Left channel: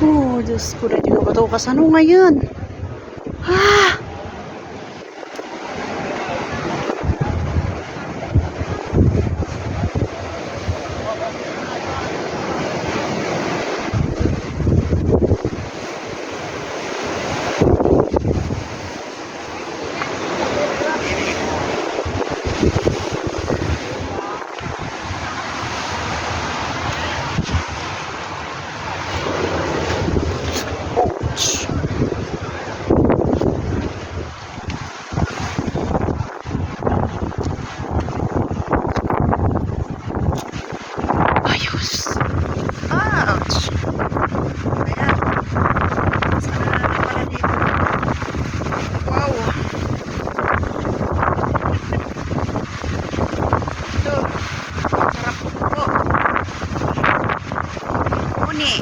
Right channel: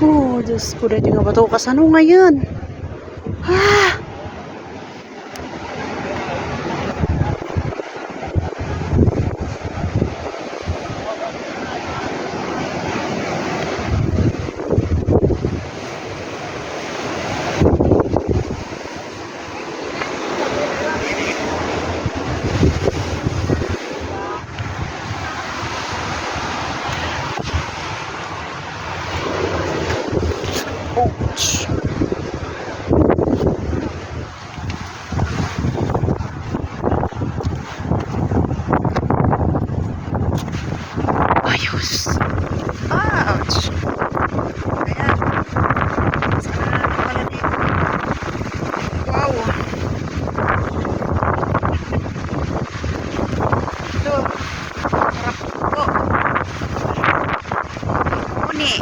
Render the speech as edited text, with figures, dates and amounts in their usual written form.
Oh, Diyos ko, dahil nga ba ito kasano ngayon? Ah! Ayos. Ouch! Ayan. Sana na pala dito. Wow! Ito. Sarap po. Uni.